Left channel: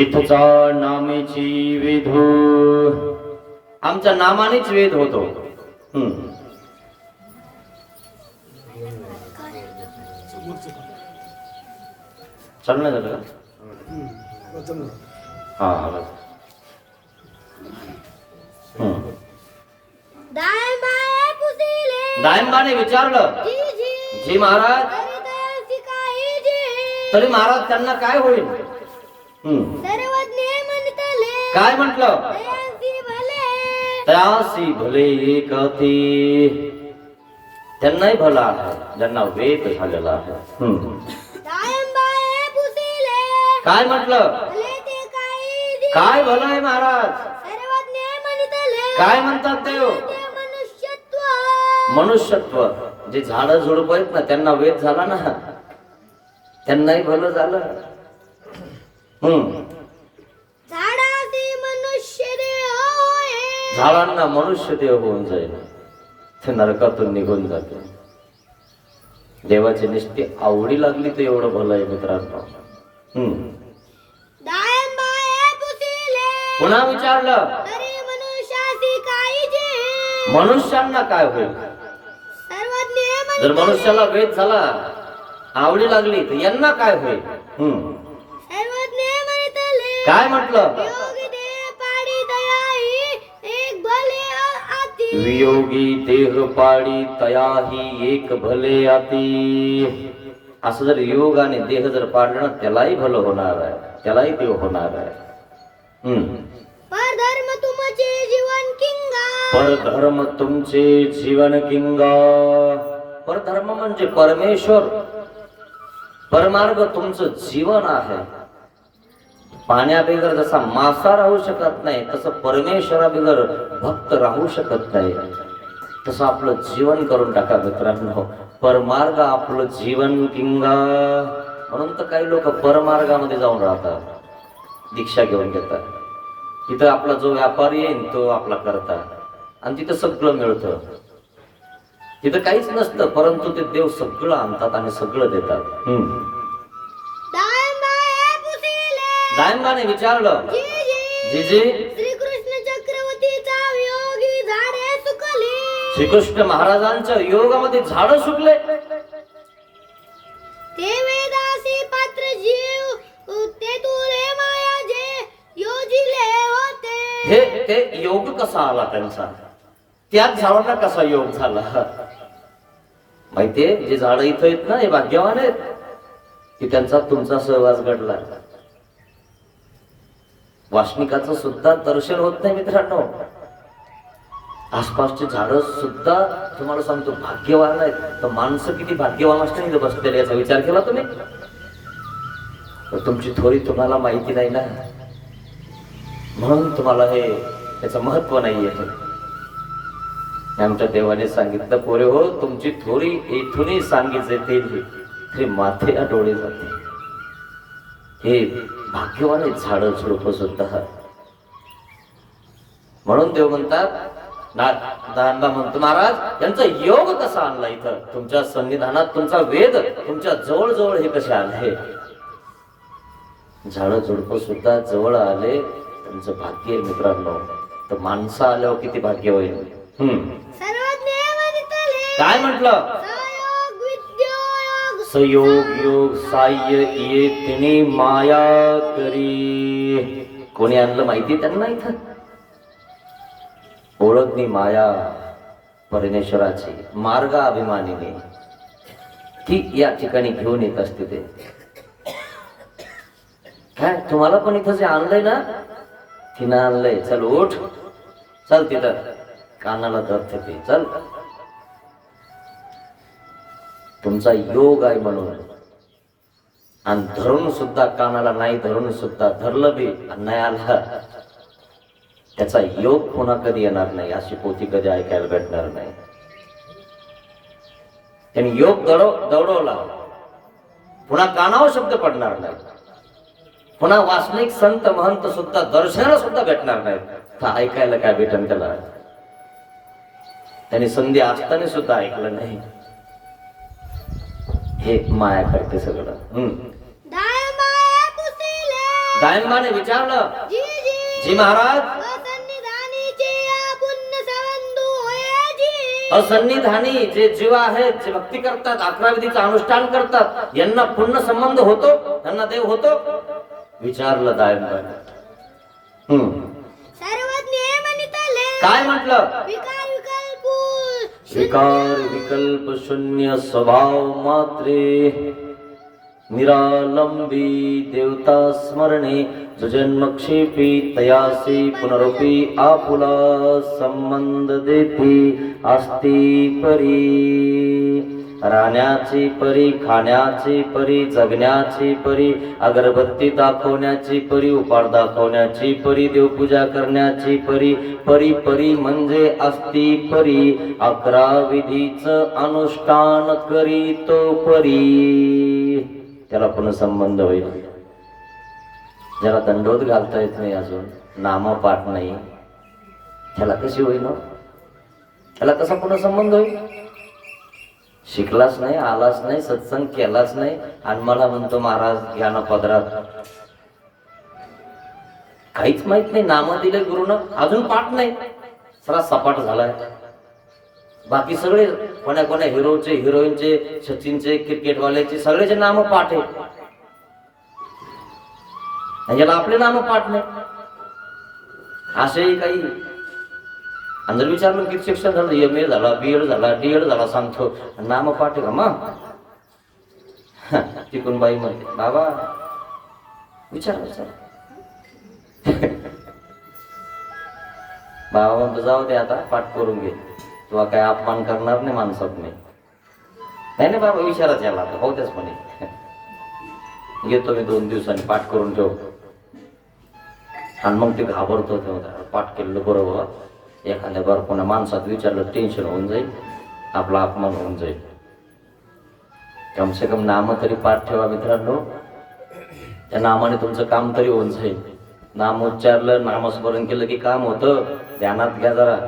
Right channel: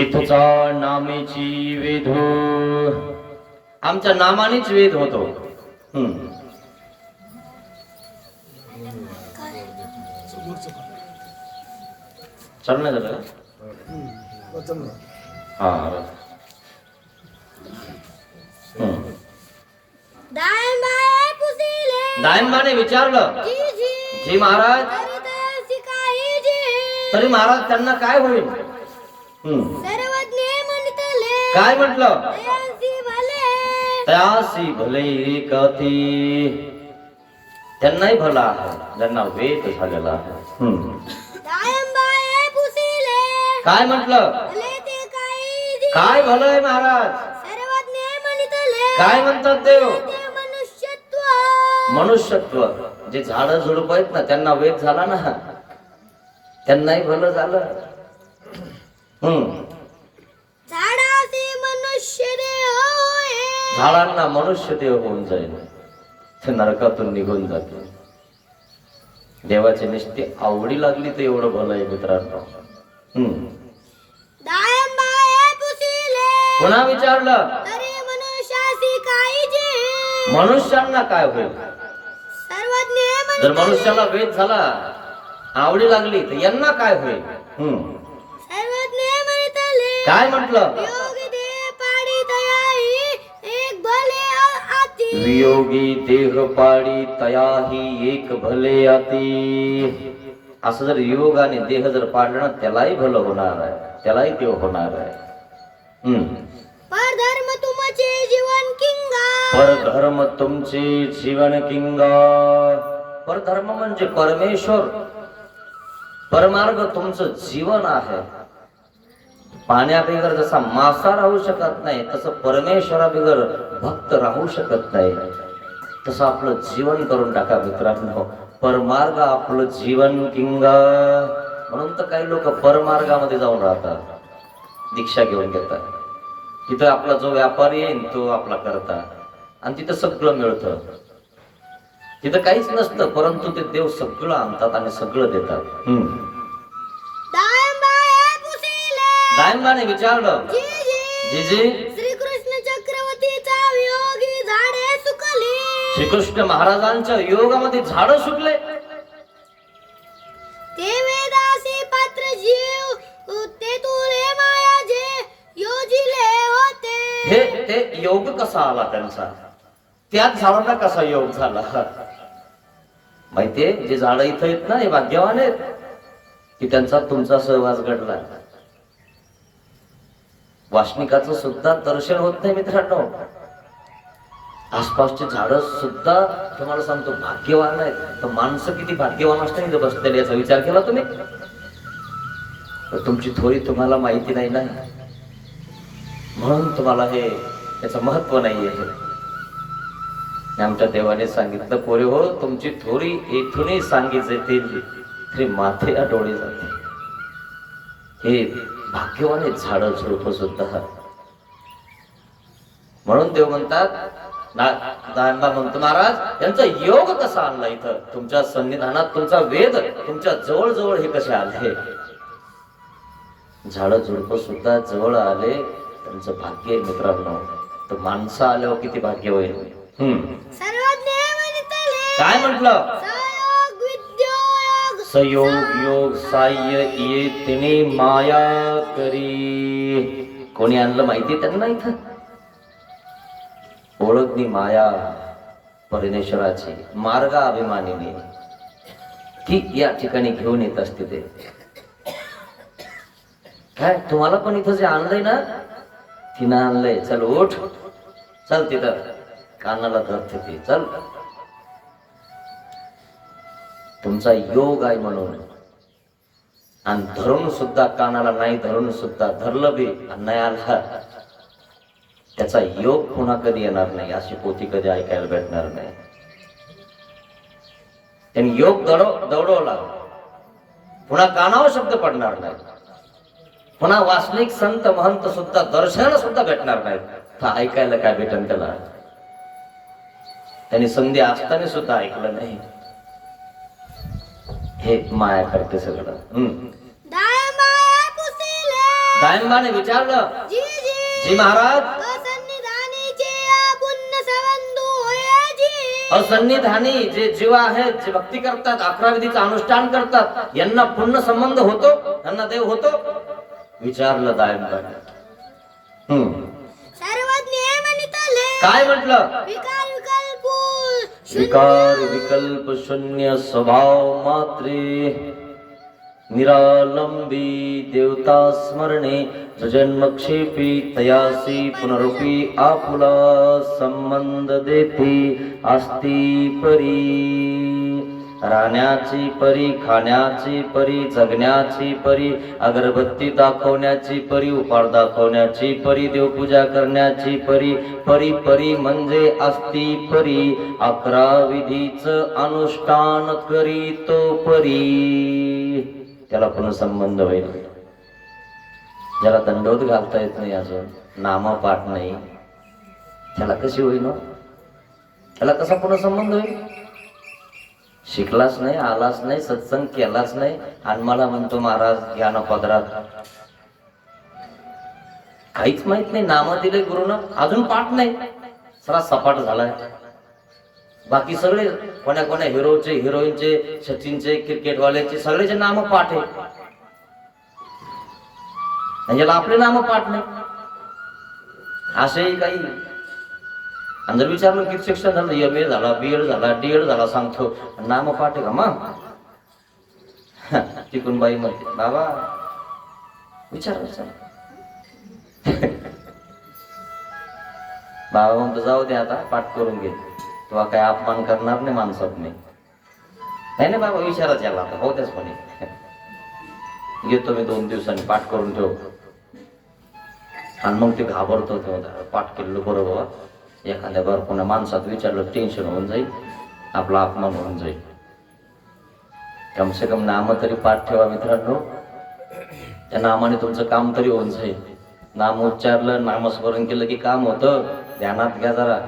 इथचा नामेची वेधू। आमच्या नामानेच वेद होतो. चालू झालं? हा दायनबाने विचारलं जी महाराज तरी महाराज त्यांना काय होईल? काय म्हटलं? तयासी भले. एकती त्यांनाही भला आहे. त्यांना वेग झालेला आहे. काय म्हटलं? काय भलं आहे महाराज? काय म्हणतात देव मनुष्यत्व. जे झाड झुडप आहेत ना त्यांना वेग झाला ना. त्यांनाही भलं झालं. मनुष्य देह झाडांना मनुष्य देव होऊन जाईल ते नरकातून निघून जाते देवाची निष्ठी आवडी लागली तर एवढं भलं आहे मित्रांनो हम्म पुन्हा विचारलं मनुष्यांना काय होईल जर मनुष्याला वेद झाला आवडी लागली तर यांना काय होईल काय म्हटलं? योगी दे पाडी दयाही एक भले आती वियोगी देह पाडी तयाही एक भले आती असं जर योग आणि देह जर पाडलं ना, त्यालाही भलं होणार आहे त्यालाही देव होणार आहे. परधर्म तुमचे जीवन किंगा. परधर्म तुमचे जीवन किंग. परधर्म म्हणजे परमेश्वर. परमार्ग तुमचं जीवन आहे. पाण्याबिगर जसा मासा राहू शकत नाही तसं परमेश्वराबिगर भक्त राहू शकत नाही. तसं आपलं जीवन करून टाका मित्रांनो. परमार्ग आपलं जीवन किंग. म्हणून तर काही लोक परमार्गामध्ये जाऊन राहतात. दीक्षा घेऊन घेतात. तिथं आपला जो व्यापारी येईल तो आपला करता आणि तिथं सगळं मिळतं. तिथं काहीच नसतं परंतु ते देव सगळं आणतात आणि सगळं देतात. दायंबाने विचारलं जी जी. जीजी? श्री कृष्ण चक्रवर्तीचा वियोगी झाडे सुकली. श्रीकृष्ण महाराजांच्या योगामध्ये झाडं सुटले ते वेदासी पात्र जीव ते तुले माया जे योजिले होते. हे ते योग कसा आला त्यांचा? त्याच झाडांना कसा योग झाला? माहितीये जे झाडं इथं आहेत ना हे भाग्यवान आहेत. की त्यांचा तुमचा सहवास घडला. वासनिकाचं सुद्धा दर्शन होत नाही मित्रांनो. आसपासची झाडं सुद्धा तुम्हाला सांगतो भाग्यवान आहेत. तर माणसं किती भाग्यवान असते इथं बसलेले याचा विचार केला तुम्ही? तर तुमची थोडी तुम्हाला माहिती नाही ना? म्हणून तुम्हाला हे याचं महत्त्व नाही आहे आमच्या देवाने सांगितलं पोरे हो तुमची थोडी इथूनही सांगितले ते माथे डोळे जाते. हे भाग्यवान झाडं झुडप सुद्धा म्हणून देव म्हणतात दा- दानबा म्हणतो महाराज त्यांचा योग कसा आणला इथं? तुमच्या संविधानात तुमचा वेद तुमच्या जवळ जवळ हे कसे आले? झाडं झुडप सुद्धा जवळ आले त्यांचं भाग्य मित्रांनो. तर माणसं आल्यावर किती भाग्य होईल काय म्हटलं? सयोग योग साह्य ये तिने माया करी. कोणी आणलं माहिती त्यांना इथं? ओळखणी माया परमेश्वराची मार्ग अभिमानीने ती या ठिकाणी घेऊन येत असते ते. काय तुम्हाला पण इथं जे आणलंय ना? तिनं आणलंय. चल उठ. चल तिथं. कानाला धरते ती चल. तुमचा योग आहे म्हणून. आणि धरून सुद्धा कानाला नाही धरून सुद्धा धरलं बी आणि नाही आला त्याचा योग पुन्हा कधी येणार नाही अशी पोथी कधी ऐकायला भेटणार नाही. त्यांनी योग दडव दौडवला. पुन्हा कानावर शब्द पडणार नाही. पुन्हा वासनिक संत महंत सुद्धा दर्शनाला सुद्धा भेटणार नाही. तर ऐकायला काय भेटन त्याला? त्यांनी संधी असताना सुद्धा ऐकलं नाही. हे माया करते सगळं. सायंबाने विचारलं जी जी जी महाराज असन्निधानी जे जीव आहेत जे भक्ती करतात अकरा विधीचं अनुष्ठान करतात यांना पूर्ण संबंध होतो? त्यांना देव होतो? विचारलं म्हणितले काय म्हटलं? विकार विकल्प शून्य स्वभाव मात्रे निरालंबी देवता स्मरणे जन्मक्षेपी तयासी पुनरुपी आपुला संबंध देते अस्ति परी राहण्याची परी खाण्याची परी जगण्याची परी अगरबत्ती दाखवण्याची परी उपाड दाखवण्याची परी देवपूजा करण्याची परी परी परी म्हणजे असती परी. अकरा विधीच अनुष्ठान करी तो परी. त्याला पुन्हा संबंध होईल. ज्याला दंडोत घालता येत नाही अजून नामपाठ नाही त्याला कशी होईल हो? त्याला कसा पुन्हा संबंध होईल? शिकलाच नाही आलाच नाही सत्संग केलाच नाही. आणि मला म्हणतो महाराज ज्ञान पदरात. काहीच माहीत नाही नाम दिले गुरुनं. अजून पाठ नाही. सरा सपाट झालाय. बाकी सगळे कोण्या कोण्या हिरोचे हिरोईनचे सचिनचे क्रिकेटवाल्याचे सगळेचे नाम पाठ आहे. याला आपले नाम पाठ नाही. असेही काही आणि जर विचारलं किती शिक्षण झालं? एम ए झाला बी एड झाला डी एड झाला सांगतो. नाम पाठ आहे का मग? तिकून बाई म्हणते बाबा विचार विचार. बाबा म्हणतो जाऊ दे आता पाठ करून घे. किंवा काय अपमान करणार नाही माणसात नाही नाही नाही बाबा विचाराच याला आता हो त्याच म्हणे. घेतो मी दोन दिवसांनी पाठ करून ठेव. आणि मग ते घाबरतो तेव्हा पाठ केलेलं बरोबर एखाद्या बरं कोणा माणसात विचारलं टेन्शन होऊन जाईल आपला अपमान होऊन जाईल. कमसे कम नाम तरी पाठ ठेवा मित्रांनो. त्या नामाने तुमचं काम तरी होऊन जाईल. नाम उच्चारलं नामस्मरण केलं की काम होतं. ध्यानात घ्या जरा.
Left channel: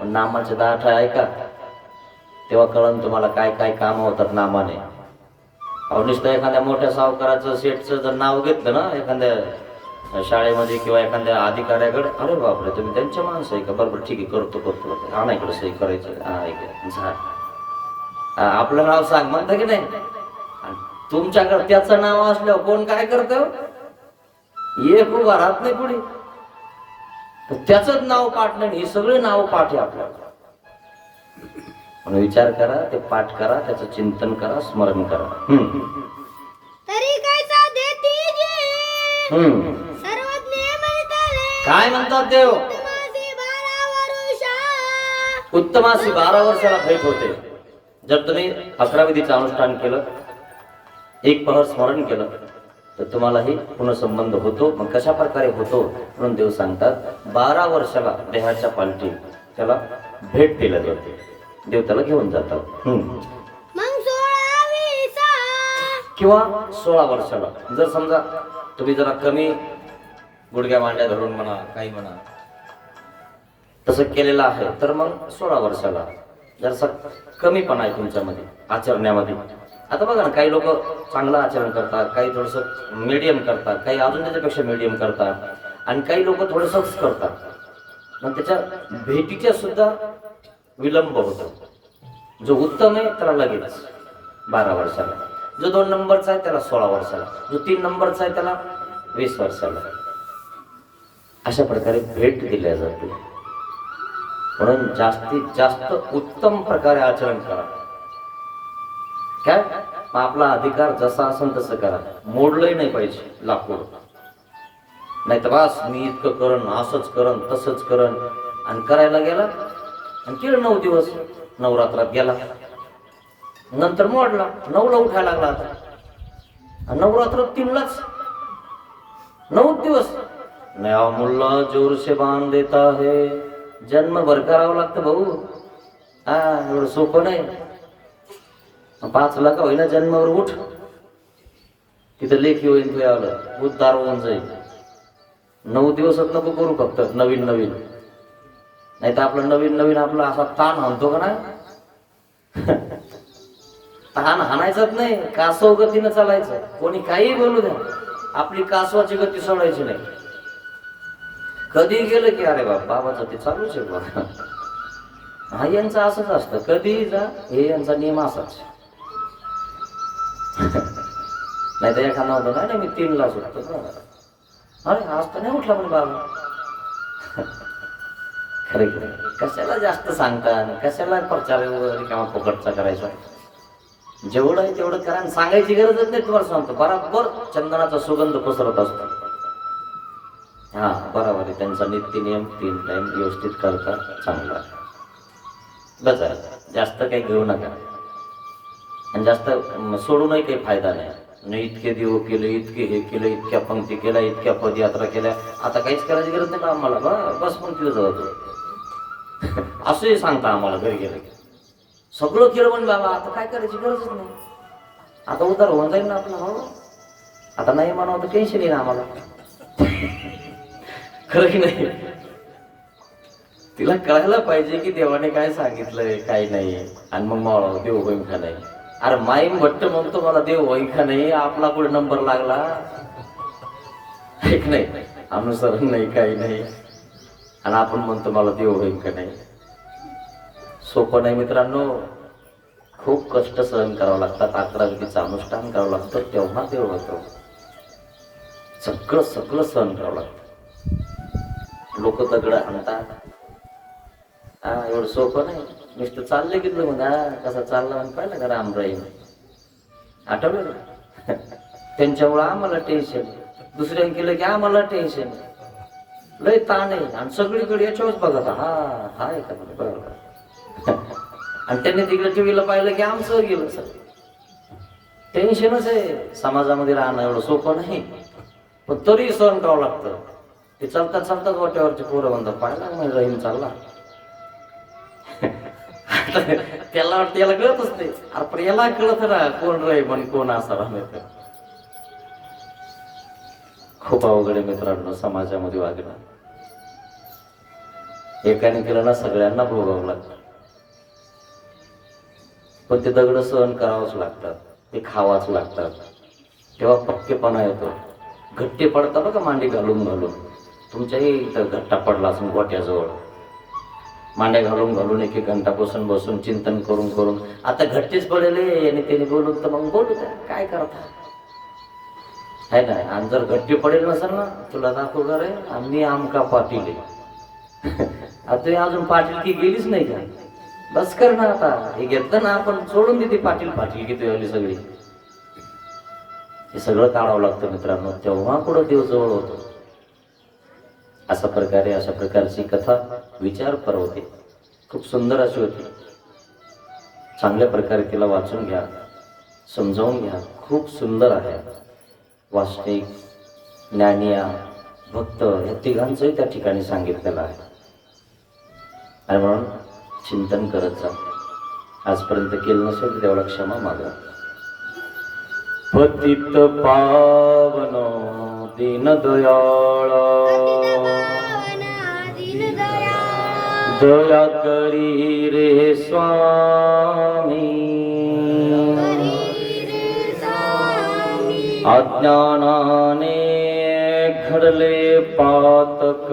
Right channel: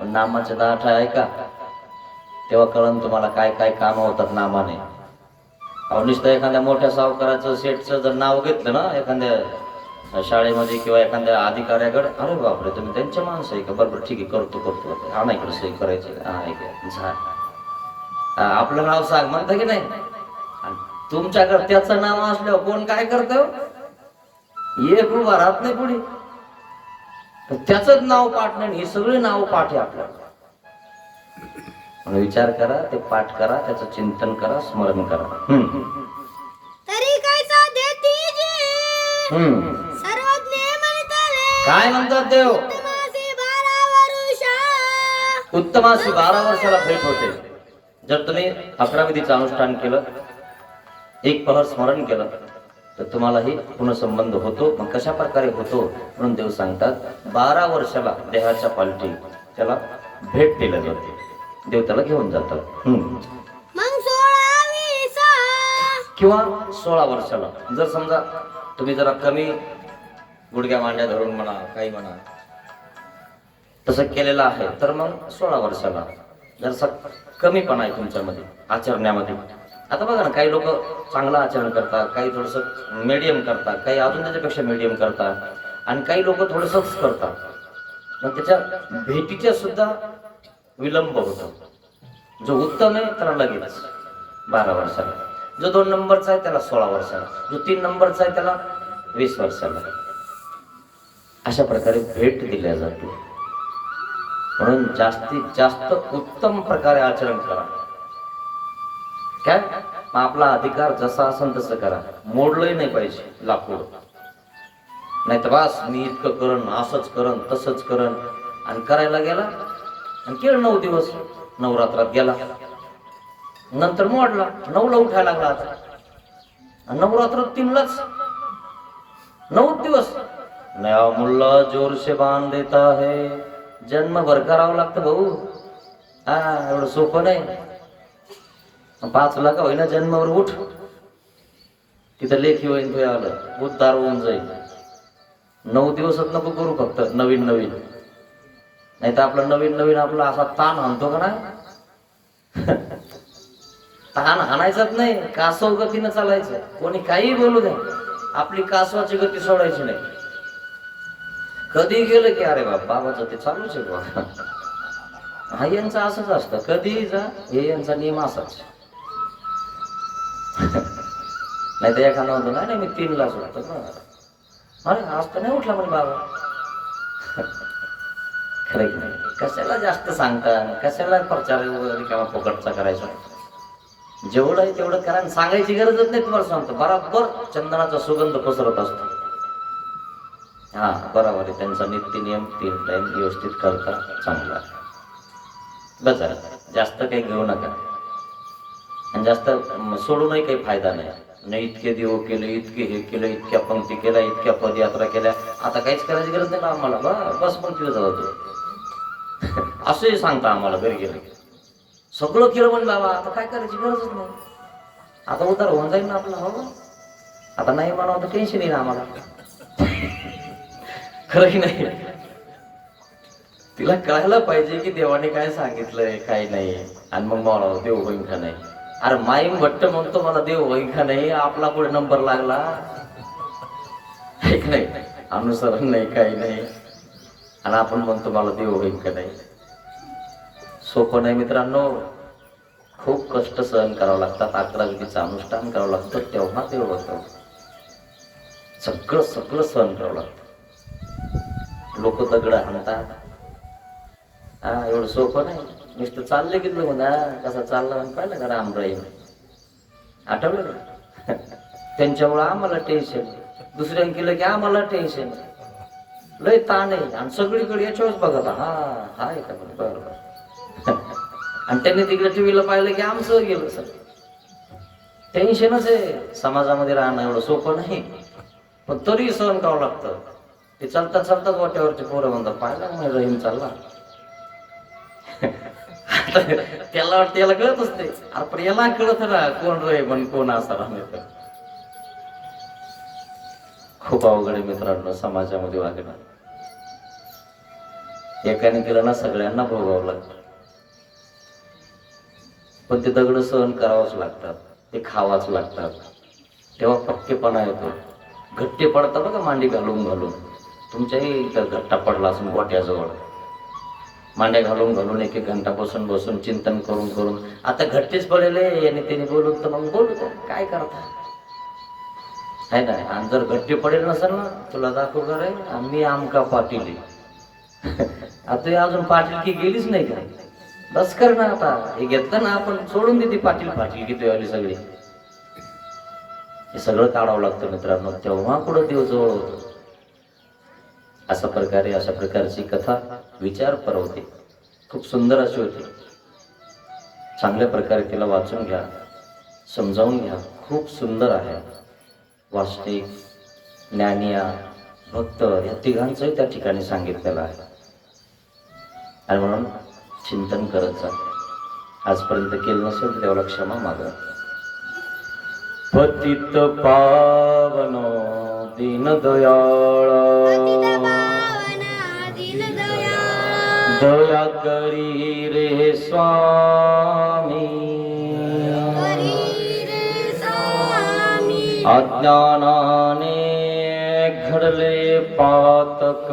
पण नामाचे दाठ आहे का तेव्हा कळन तुम्हाला काय काय कामं होतात नामाने. अवनिष्ठ एखाद्या मोठ्या सावकाराचं सेटचं जर नाव घेतलं ना एखाद्या शाळेमध्ये किंवा एखाद्या अधिकाऱ्याकडे अरे बापरे तुम्ही त्यांच्या माणसं आहे का? बरोबर ठीक आहे करतो करतो. आणा इकडे सही करायची. हा आपलं नाव सांग म्हणतं की नाही? तुमच्याकडे त्याचं नाव असल्यावर कोण काय करतं? एक उभा राहत नाही पुढे त्याच नाव पाठ नाही ही सगळी नाव पाठ आहे आपल्याला विचार करा ते पाठ करा त्याचं चिंतन करा स्मरण करा. हम्म. हम्म. काय म्हणतात देव हो? उत्तमाशी बारा वर्षाला भेट होते. जर तुम्ही अकरा विधीचं अनुष्ठान केलं एक पहर स्मरण केलं तर तुम्हालाही पुनर्संबंध होतो. मग कशा प्रकारे होतो म्हणून देव सांगतात बारा वर्षाला देहाच्या पालटी त्याला भेट दिल्या जाते. देव त्याला घेऊन जातात. किंवा सोळा वर्षाला जर समजा तुम्ही जरा कमी गुडघ्या मांड्या धरून म्हणा काही म्हणा. तसं केलेलं आहे. तर मग सोळा वर्षाला जरासा कमीपणा आहे तुमच्यामध्ये आचरण्यामध्ये. आता बघा ना काही लोक चांगलं आचरण करतात काही थोडस मीडियम करतात काही अजून त्याच्यापेक्षा मीडियम करतात आणि काही लोक थोडंसंच करतात. मग त्याच्या भेटीच्या सुद्धा विलंब होतो. जो उत्तम आहे त्याला लगेच बारा वर्षाला. जो दोन नंबरचा आहे त्याला सोळा वर्षाला. जो तीन नंबरचा आहे त्याला वीस वर्षाला. अशा प्रकारे भेट दिल्या जाते. म्हणून जास्तीत जास्त उत्तम प्रकारे आचरण करा. काय? मग आपला अधिकार जसा असेल तसं करा. मोडलंही नाही पाहिजे लाकूड. नाही तर बास मी इतकं करण असंच करण तसंच करण. आणि करायला गेला आणि केलं नऊ दिवस. नवरात्रात गेला. नंतर मोडला. नऊला उठायला लागला आता. नवरात्र नवरात्रात तीनलाच. नऊ दिवस. नया मुल्ला जोर से बांध देता है। जन्म भर करावं लागतं भाऊ। हा एवढं सोपं नाही. पाच लाख होईना जन्मावर उठ. तिथं लेखी होईल तुझ्या आलं. उद्धार होऊन जाईल. नऊ दिवसात नको करू फक्त. नवीन नवीन. नाही तर आपलं नवीन नवीन आपला असा ताण हाणतो का ना? ताण हाणायचाच नाही. कासव गतीनं चालायचं. कोणी काही बोलू द्या. आपली कासवाची गती सोडायची नाही. कधी गेलं की अरे बाप बाबाचं ते चालूच आहे बाबा हा यांचं असंच असतं कधी जा हे यांचा नियम असाच. नाही तर एखादा होतो नाही मी तीनला सुटतो बरं. अरे आज तर नाही उठला पण बाबा. खरं की नाही. कशाला जास्त सांगता? कशाला प्रचार वगैरे किंवा फुकटचा करायचा? जेवढं आहे तेवढं करा सांगायची गरजच नाही तुम्हाला सांगतो. बराबर चंदनाचा सुगंध पसरत असतो. हां बरोबर आहे. त्यांचा नित्य नियम तीन टाईम व्यवस्थित करता चांगला. बस आहे. जास्त काही घेऊ नका. आणि जास्त सोडूनही काही फायदा नाही. नाही इतके देव केले इतके हे केलं इतक्या पंक्ती केल्या इतक्या पदयात्रा केल्या. आता काहीच करायची गरज नाही का आम्हाला? बा- बस पण केलं जाऊ असंही सांगता आम्हाला घरी गेलं की. सगळं केलं पण बाबा आता काय करायची गरजच नाही. आता उतार होऊन जाईल ना आपलं हो. आता नाही म्हणावं तर टेन्शन येईल आम्हाला. खरं की नाही. तिला कळायला पाहिजे की देवाने काय सांगितलंय काय नाही. आणि मग मला देव होईन का नाही? अरे माई भट्ट म्हणतो मला देव होईन का नाही आपला पुढे नंबर लागला? ठीक नाही अनुसरण नाही काही नाही. आणि आपण म्हणतो मला देव होईन का नाही? सोपं नाही मित्रांनो. खूप कष्ट सहन करावं लागतात अकरा विधीचं अनुष्ठान करावं लागतं तेव्हा देव होतो. सगळं सगळं सहन करावं लागतं. लोक दगड हाणतात. हा एवढं सोपं नाही. नुसतं चाललं गेलो म्हणा कसा चालला म्हणून पाहिलं का रामराई? आठवलं का? त्यांच्यामुळं आम्हाला टेन्शन दुसऱ्याने केलं की आम्हाला टेन्शन लय ताण आहे. आणि सगळीकडे याच्यावरच बघत हा हा आहे का बरं? आणि त्यांनी तिकडे टीव्हीला पाहिलं की आमचं गेलं सर टेन्शनच आहे. समाजामध्ये राहणं एवढं सोपं नाही. पण तरी सहन करावं लागतं. ते चलता चालतात वाट्यावरचे पोरं म्हणतात पाहिला नाही रहीम चालला? त्याला त्याला कळत असते अरे पण याला कळत ना कोण रहीम आणि कोण असा राहणार खूप अवघड आहे मित्रांनो समाजामध्ये वागणं. एकाने केलं ना सगळ्यांना भोगावं लागतं. पण ते दगड सहन करावंच लागतात ते खावाच लागतात. तेव्हा पक्केपणा येतो. घट्टे पडतात का मांडी घालून घालून. तुमच्याही इथं घट्टा पडला असून गोट्याजवळ मांड्या घालून घालून एक एक घंटा बसून बसून चिंतन करून करून. आता घट्टेच पडले याने त्याने बोलून तर मग बोलू काय करता? आहे ना आणि जर घट्टे पडेल नसेल ना तुला दाखव का आम्ही आमका पाटील आहे? आता हे अजून पाटील की गेलीच नाही का? बस कर ना आता. हे घेतलं ना आपण सोडून देते पाटील पाटील किती आली सगळी. हे सगळं काढावं लागतं मित्रांनो. तेव्हा पुढं देव जवळ होतो. अशा प्रकारे अशा प्रकारची कथा विचार परवते. खूप सुंदर अशी होती. चांगल्या प्रकारे तिला वाचून घ्या समजावून घ्या. खूप सुंदर आहे. वास्तविक ज्ञानिया भक्त या तिघांचंही त्या ठिकाणी सांगितलेलं आहे. आणि म्हणून चिंतन करत जा. आजपर्यंत केलं नसेल तर देवाला क्षमा मागा. पतित पावन दीनदयाळ दीनदयाळ दया करी रे स्वामी हरी रे स्वामी अज्ञानाने घडले पातक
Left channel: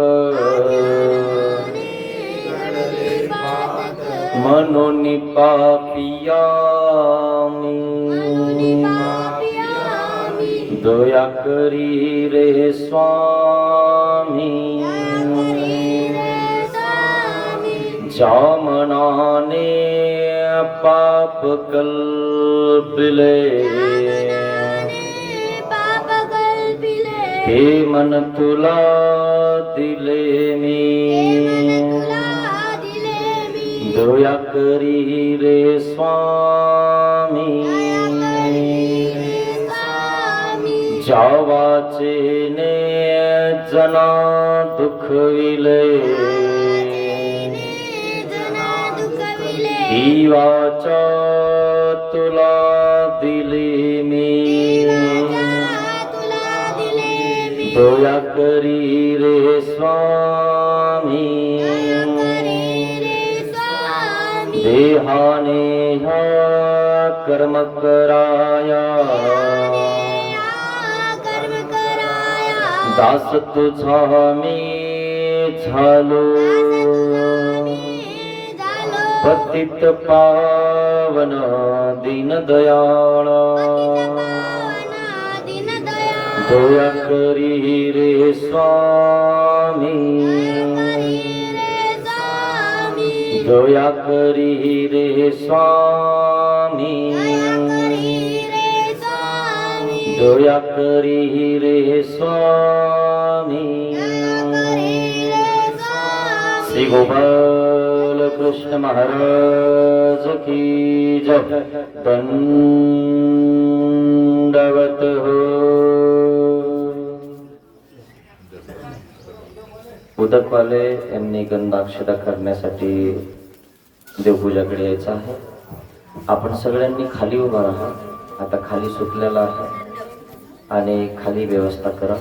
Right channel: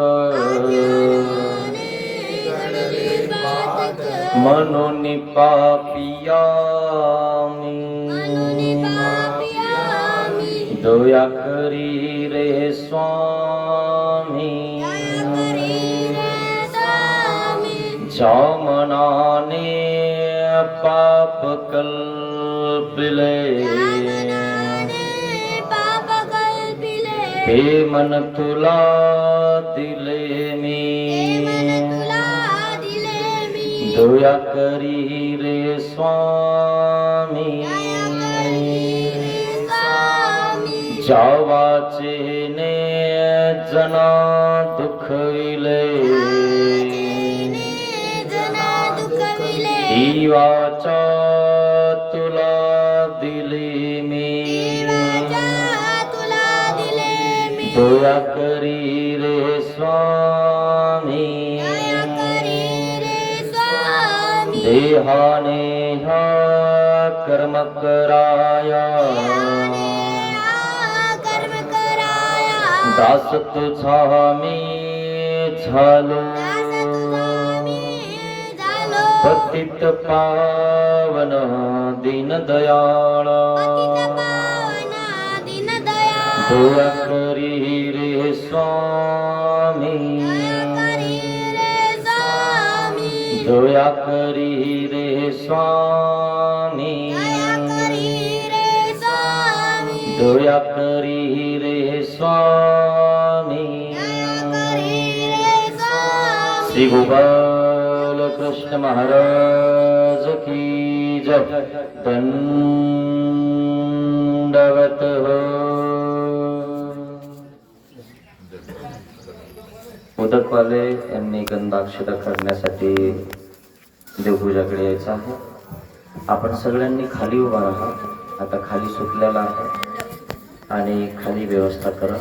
म्हणून पापिया जामनाने पाप कल्पिले. हे मन तुला दिले मी. तुला दिले मी दया करी रे स्वामी स्वामी. जावाचे जीवाचा तुला दिली मी. तुला दिले मी. दया करी रे स्वामी. देहाने कर्म कराया. कर्म दास तुझा मी झालो. पतित पावन दीनदयाळा दया करी रे स्वामी दया करी रे स्वामी दया करी रे स्वामी श्री गोपाल कृष्ण महाराज की जय। दंडवत हो। उदकवाले यांनी गंधाक्षता करण्यासाठी देवपूजाकडे यायचं आहे. आपण सगळ्यांनी खाली उभा राहा. आता खाली सुटलेला आहे. आणि खाली व्यवस्था करा.